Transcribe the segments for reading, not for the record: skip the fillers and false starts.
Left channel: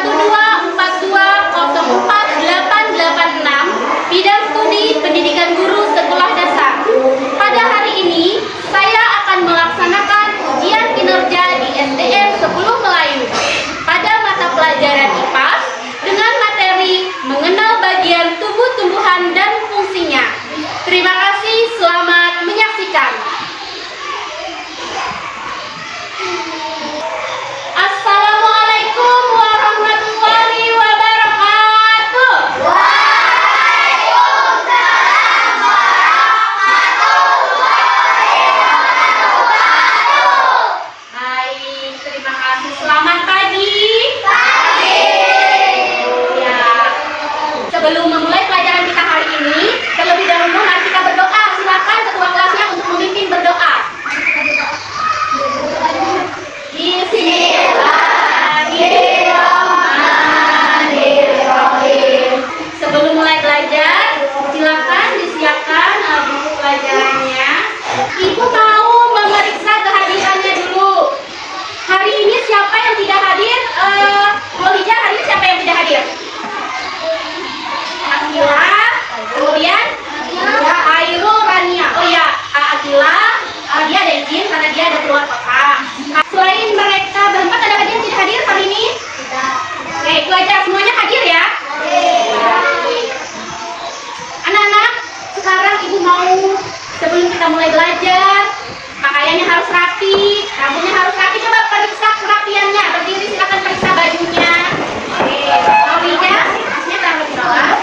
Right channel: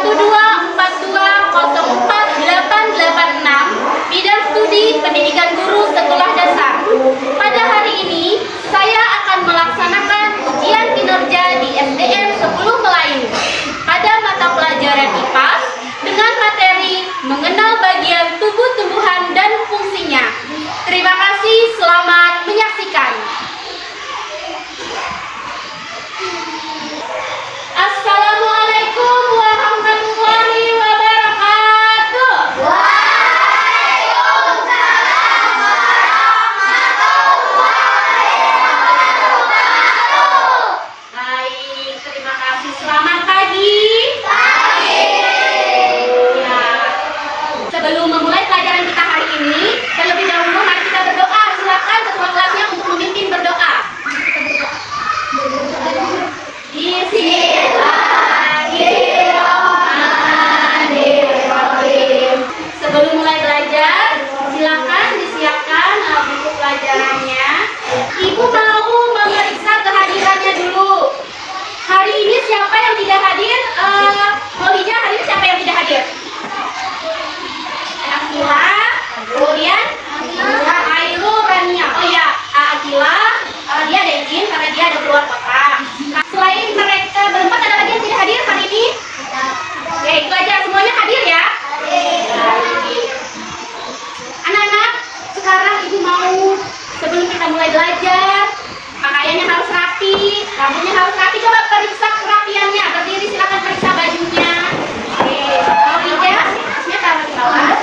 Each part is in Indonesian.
1242886 Bidang Studi Pendidikan Guru Sekolah Dasar. Pada hari ini, saya akan melaksanakan ujian kinerja di SDN 10 Melayu pada mata pelajaran IPA dengan materi mengenal bagian tubuh tumbuhan dan fungsinya. Terima kasih, selamat menyaksikan. Assalamualaikum warahmatullahi wabarakatuh. Waalaikumsalam warahmatullahi wabarakatuh. Baik, terima kasih. Selamat pagi. Ya. Sebelum memulai pelajaran kita hari ini, terlebih dahulu mari kita berdoa. Silakan ketua kelasnya untuk memimpin berdoa. Bismillahirrahmanirrahim. Sebelum mulai belajar, silakan disiapkan buku pelajarannya. Ibu mau memeriksa kehadirannya dulu. Hari ini siapa yang tidak hadir? Molija, hari ini siapa yang tidak hadir? Akila, kemudian Airul, Rania. Oh ya, Akila, dia ada izin karena dia ada keluar kota. Selain mereka berempat, ada lagi yang tidak hadir hari ini? Oke, itu aja, semuanya hadir ya? Anak-anak, sekarang ibu mau sebelum kita mulai belajar, pakaiannya harus rapi, rambutnya harus rapi. Coba periksa kerapiannya. Berdiri, silakan periksa bajunya. Oke, Molija, tasnya taruh di bawah.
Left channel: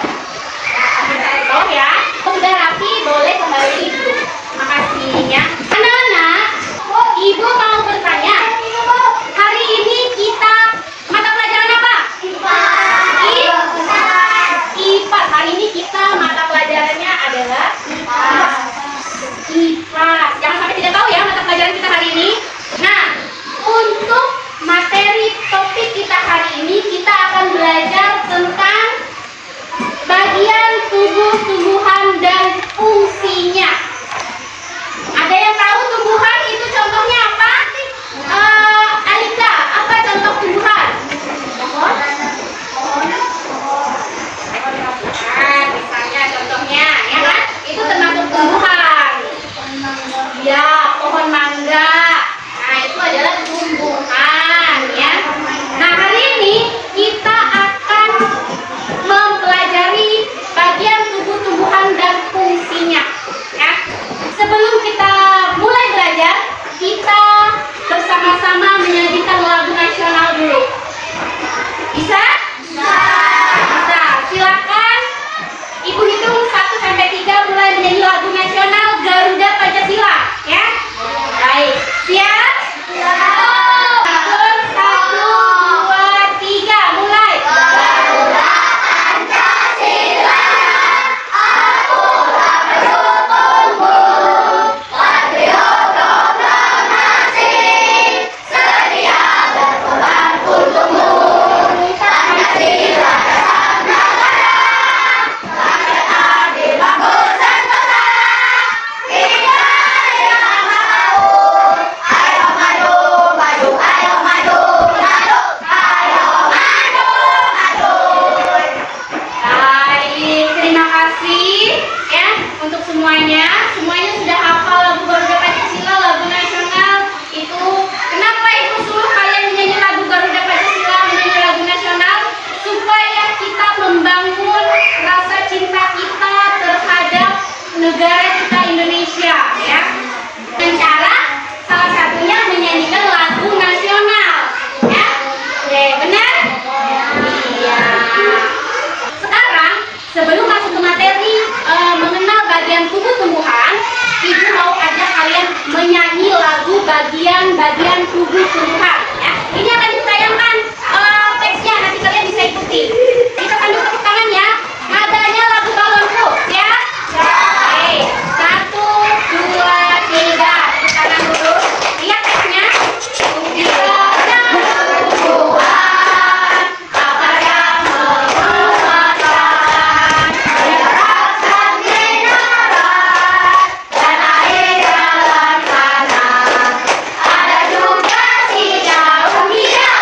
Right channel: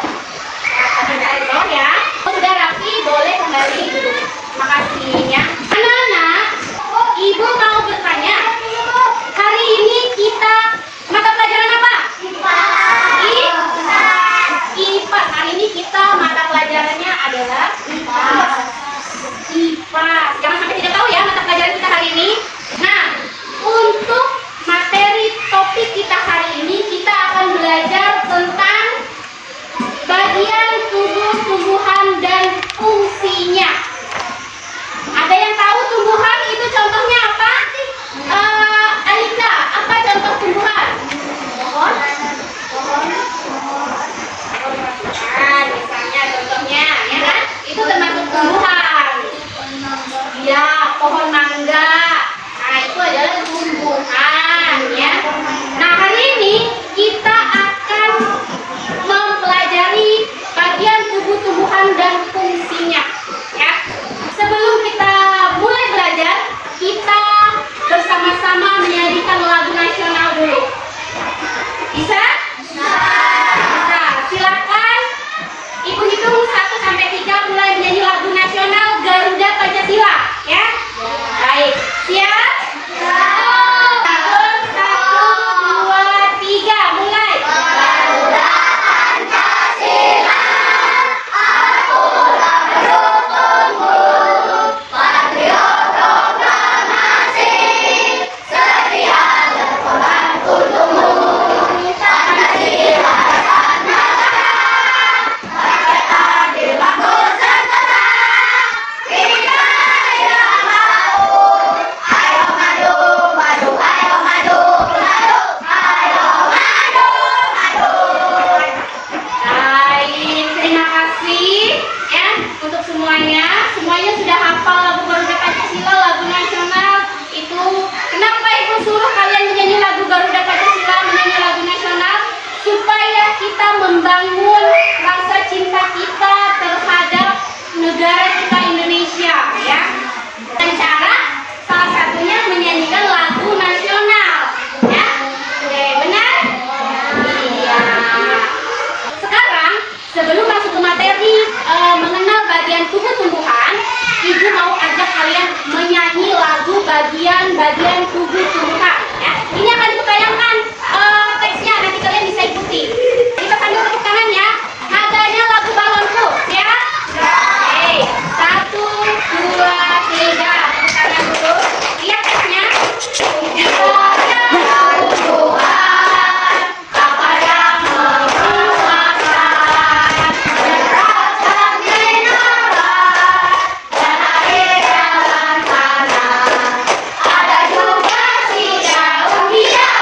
Taruh di bawah ya. Sudah rapi, boleh kembali duduk. Makasih ya. Anak-anak, ibu mau bertanya, hari ini kita mata pelajaran apa? IPA. IPA. Hari ini kita mata pelajarannya adalah IPA. IPA. Jangan sampai tidak tahu ya mata pelajaran kita hari ini. Nah, untuk materi topik kita hari ini, kita akan belajar tentang bagian tubuh tumbuhan dan fungsinya. Ada yang tahu tumbuhan itu contohnya apa? Alika, apa contoh tumbuhan? Pohon? Misalnya contohnya, ya kan? Itu termasuk tumbuhan. Ya, pohon mangga. Nah, itu adalah tumbuhan, ya. Nah, hari ini kita akan mempelajari bagian tubuh tumbuhan dan fungsinya, ya. Sebelum kita mulai belajar, kita bersama-sama menyanyikan lagu nasional dulu. Bisa? Bisa. Silakan. Ibu hitung 1 sampai 3 mulai menyanyi lagu nasional Garuda Pancasila, ya. Baik. Siap? Siap. 1, 2, 3, mulai. Garuda Pancasila, aku mendukungmu. Patriot proklamasi, setia berkorban untukmu. Pancasila sang negara, rakyat adil makmur sentosa. Kita yang mau, ayo maju, maju, ayo maju, maju, ayo maju, maju. Baik, terima kasih ya untuk semuanya. Semuanya sudah hafal lagu Garuda Pancasila, lagu nasional itu. Kenapa ibu suruh kalian menyanyi lagu Garuda Pancasila, menyanyi lagu nasional? Supaya kita membangun rasa cinta kita terhadap negara kita Indonesia, ya. Dengan cara salah satunya menyanyikan lagu nasional, ya. Oke, benar? Iya. Sekarang, sebelum masuk ke materi mengenal bagian tubuh tumbuhan, ibu mau ajak kalian menyanyi lagu bagian-bagian tubuh tumbuhan. Ya. Ini akan ditayangkan teksnya, nanti kalian bisa ikuti. Kita sambil tepuk tangan ya. Nadanya lagu balonku, ya. Oke, 1, 2, 3, tepuk tangan dulu. Lihat teksnya. Kita tumbuhan, akar yang merupakan menyerapkan mineral dan air dalam tanah. Ada juga si daun hias.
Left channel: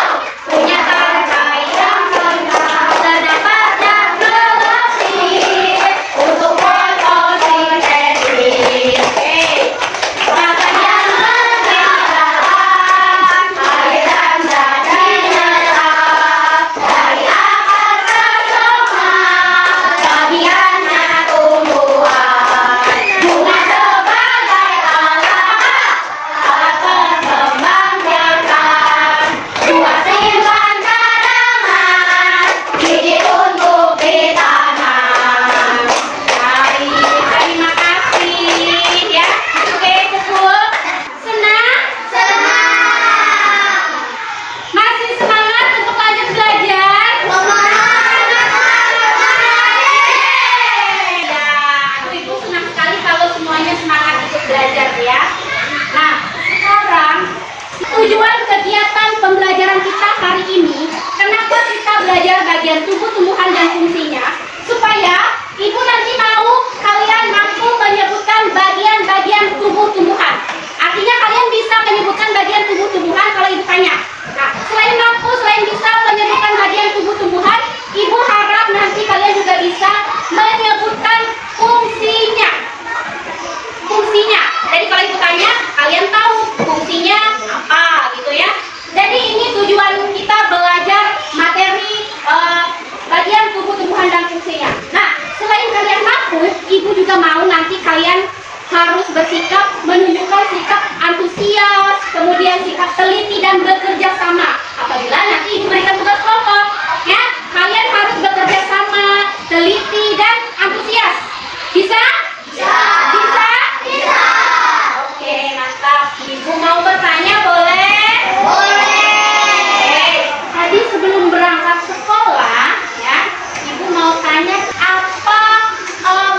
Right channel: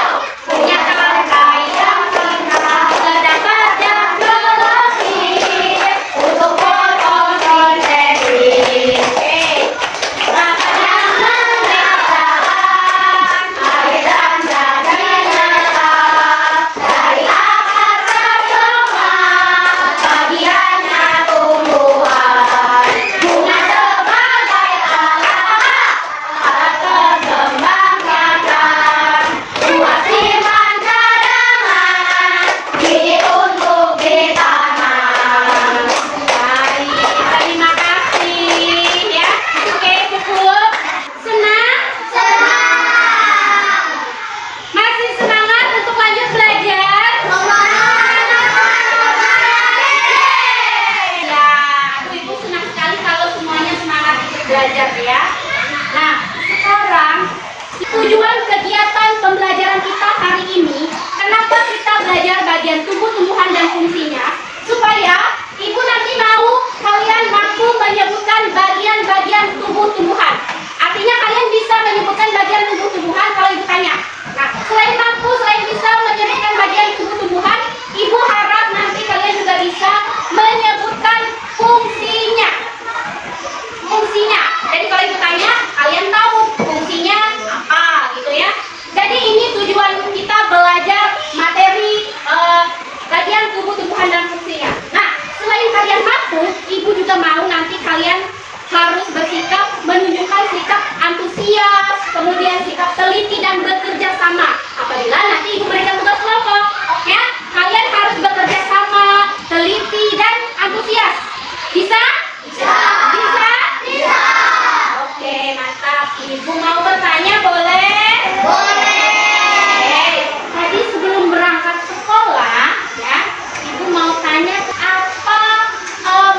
saat sekolah, ya, ibu mau tanya apa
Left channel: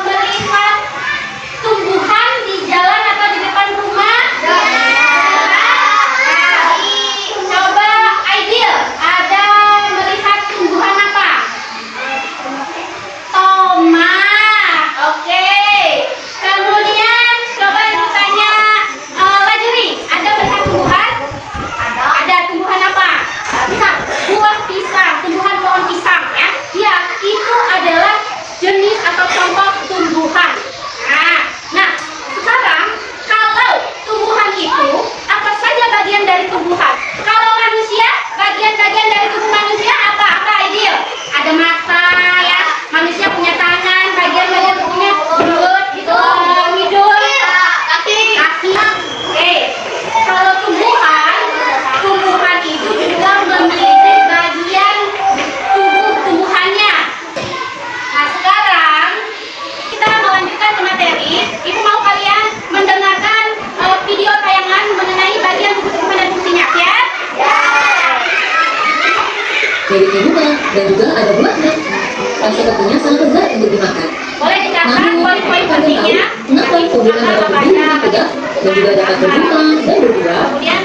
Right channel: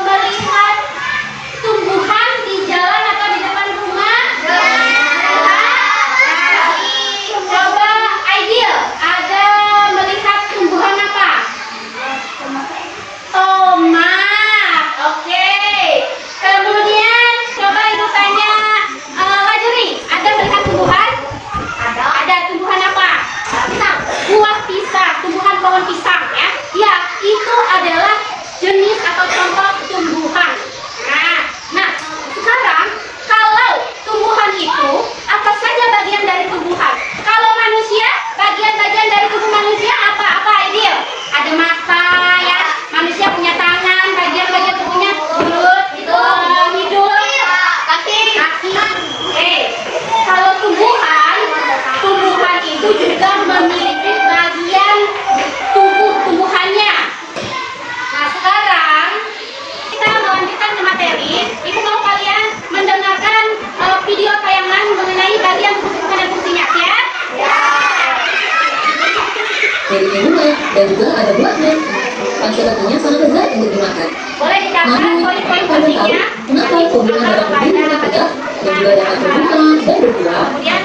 melihat tumbuhan di jalan atau di depan rumah? Coba Aidil, ada melihat tumbuhan apa? Tomat. Oke. Kemudian coba ibu tanya Lajuri, ada melihat tumbuhan? Ada tumbuhan apa? Pisang. Buah pisang, tumbuhan pohon pisang, ya. Ya, itu adalah jenis atau contoh tumbuhan. Nah, sekarang kalau tumbuhan itu apa saja bagian dari tumbuhan? Kalau manusia, bagian-bagian dari tubuh manusia apa Aidil? Ada mata, ya. Manusia punya tangan, bagian-bagian tubuhnya mulut, hidung, kaki. Oke. Kalau tumbuhan itu juga memiliki bagian tumbuhannya. Nah, sekarang kita melanjutkan ke materi. Ibu mau kalian mendengarkan video tayangan mengenai bagian tubuh-tumbuhan dan fungsinya, ya? Miliknya bunga dan juga ada buahnya. Sepertinya sangat lezat untuk dimakan. Boleh dicatat Namun, poin-poin kamu pentingnya. tahu mengapa tumbuhan dapat berdiri dengan tegak dan juga dapat berbuah dan berbuah? Kemudian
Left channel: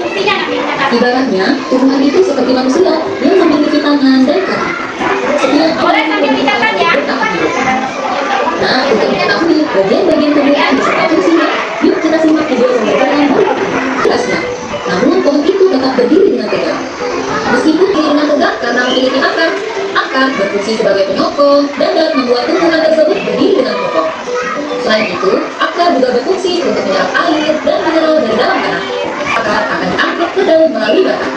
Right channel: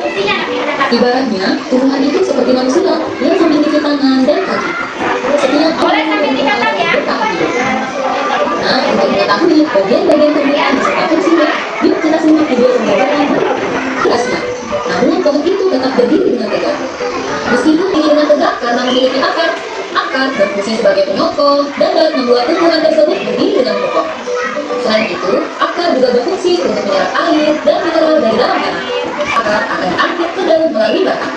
fungsinya nanti dicatat. Ibaratnya, tumbuhan itu seperti manusia yang memiliki tangan dan kaki. Setiap Boleh sambil dicatat, ya. Nah, untuk mengetahui bagian-bagian tumbuhan beserta fungsinya, yuk kita simak video pembahasan jelasnya. Namun, pohon itu tetap berdiri dengan tegak. Meskipun berdiri dengan tegak karena memiliki akar berfungsi sebagai penyokong dan dapat membuat tumbuhan tersebut berdiri dengan kokoh. Selain itu, akar juga berfungsi untuk menyerap air dan mineral dari dalam tanah. Akar akan diangkat ke daun melalui batang.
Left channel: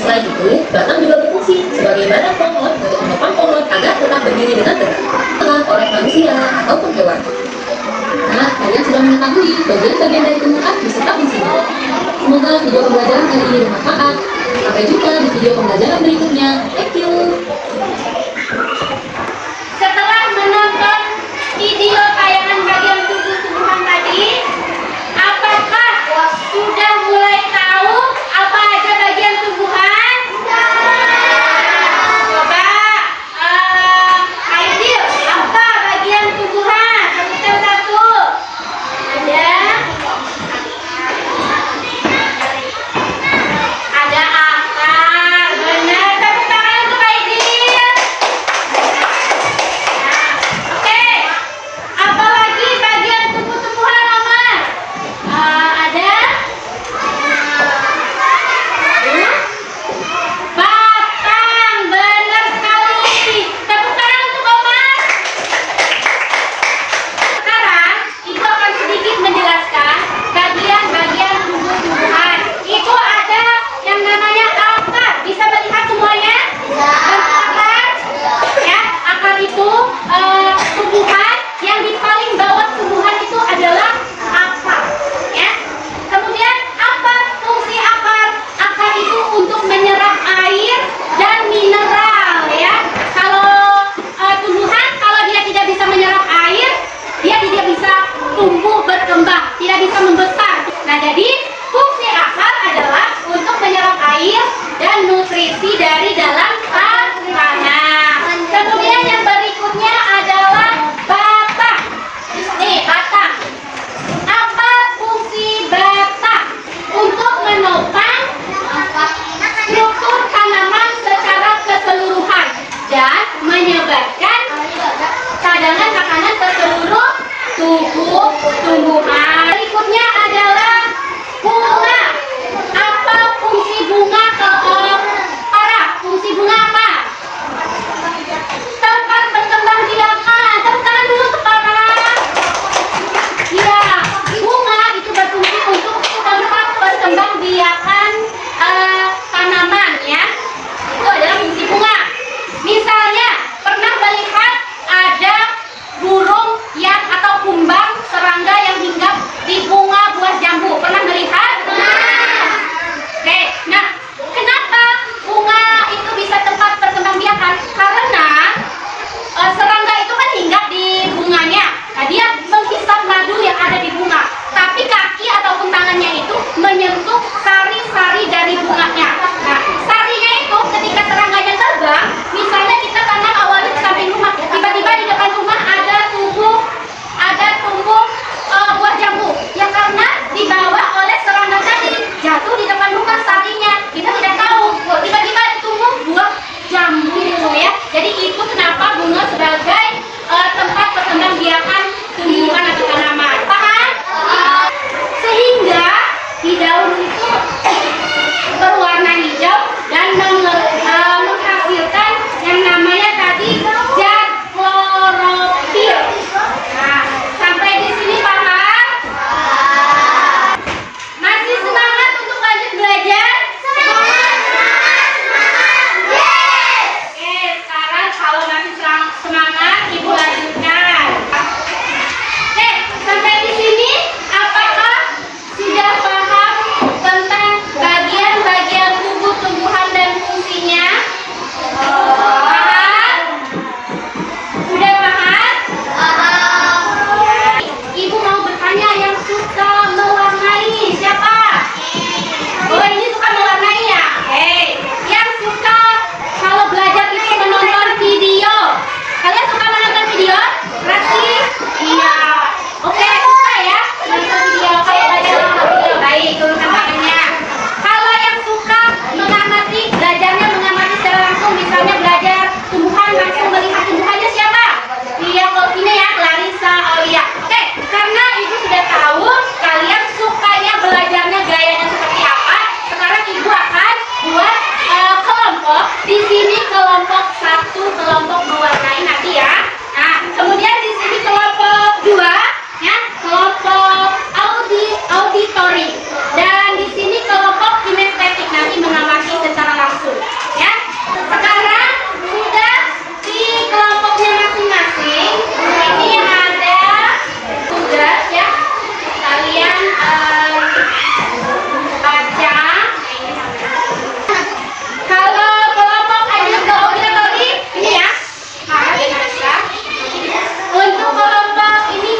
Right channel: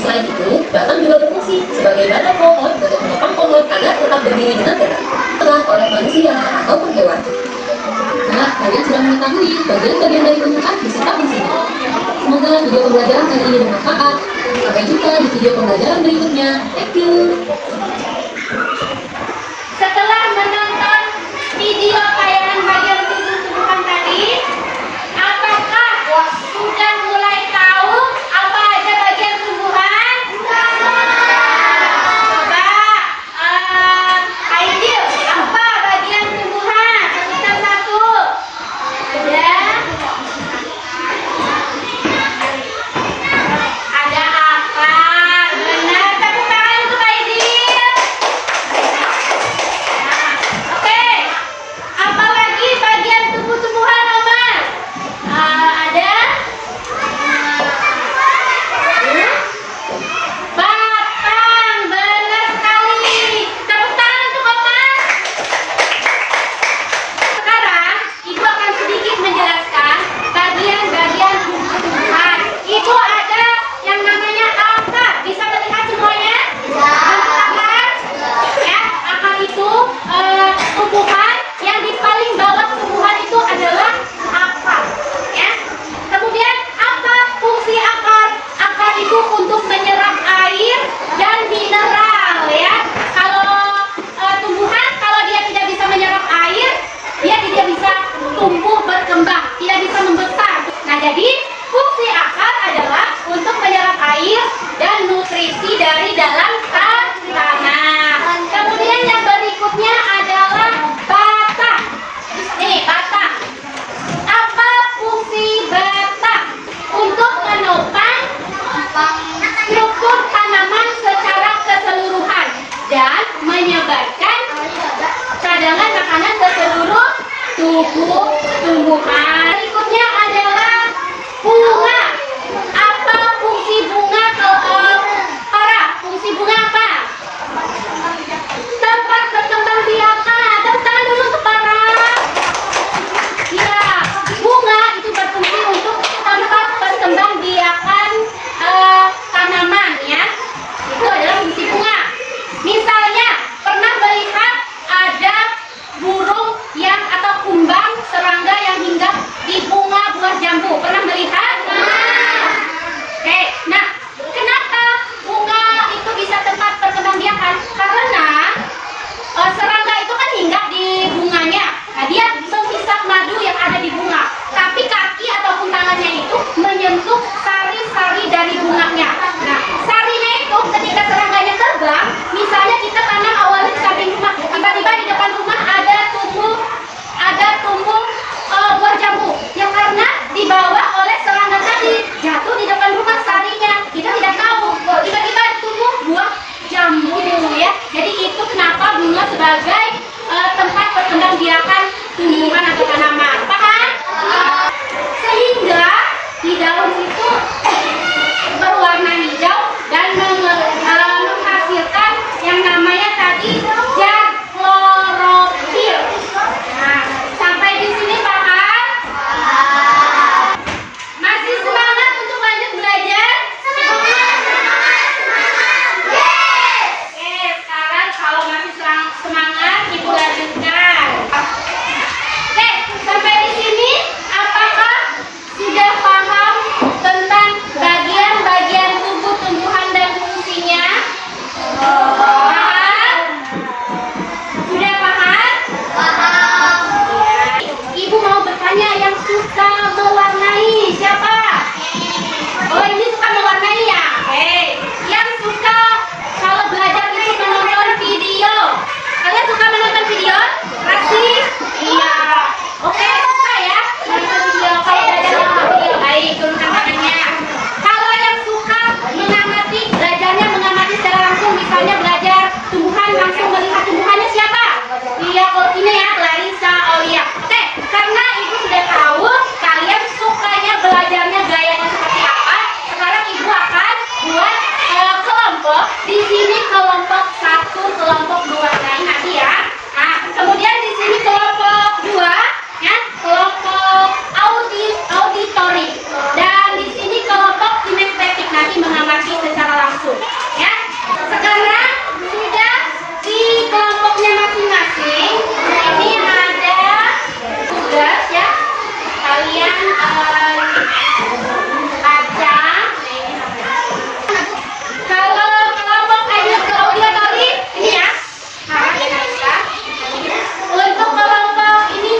Selain itu, batang juga berfungsi sebagai badan pohon untuk menopang pohon agar tetap berdiri dengan tegak, bukan oleh manusia ataupun hewan. Nah, kalian sudah mengetahui bagian-bagian dari tumbuhan beserta fungsinya. Semoga video pembelajaran kali ini bermanfaat. Sampai jumpa di video pembelajaran berikutnya. Thank you. Setelah menonton video tayangan bagian tumbuh-tumbuhan tadi, apakah sudah mulai tahu apa aja bagian tumbuhan? Coba Aidil, apa bagian tumbuhan? Sebutkan satu. Ada akar. Benar, tepuk tangan untuk Aidil. Oke, apa lagi bagian tumbuh-tumbuhan, Omar? Ada batang, benar sekali. Tepuk tangan untuk Omar. Sekarang, Ibu akan sedikit menjelaskan bagian-bagian tumbuh-tumbuhan. Itu ada yang namanya akar. Bisa melihat semuanya? Akar, ya, akar itu tumbuhan yang di paling bawah tumbuhan itu adalah akar, ya. Kemudian apa fungsi akar? Akar itu untuk menyerap air dan mineral, ya. Kalau tumbuhan, kalau dia tidak bisa menyerap air, dia tidak bisa tumbuh berkembang, tidak bisa membesar. Nah, jadi fungsi akar adalah untuk menyerap air dan nutrisi dari dalam tanah. Kemudian yang berikutnya adalah batang. Nih, batang. Apa fungsi batang? Untuk menopang struktur tanaman secara keseluruhan dan menyebarkan cadangan makanan ke seluruh tubuh tumbuhan. Berikutnya adalah bunga. Apa fungsi bunga? Fungsi bunga apa? Tempat berkembang biakan. Tepuk tangan dulu ke Farah. Ya, bunga itu berfungsi untuk tempat berkembang biakan tanaman, ya. Itu adalah fungsi bunga. Misalnya, pernah melihat ada burung yang atau kumbang serangga kelompok. Di sini kelompok 1, kelompok 2. Nah, nanti ya. Nah, kemudian di sini kelompok 2, ya, kelompok auditori. Dan di sini kelompok kinestetik, nanti mengamati secara langsung, ya. Sekarang sudah di kelompoknya masing-masing. Ini ada tugas ya. Kalian baca. Kalau kelompok auditori ini ya. Nah, ini bisa. Untuk kelompok ini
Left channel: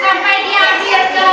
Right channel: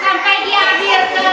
sampai di akhir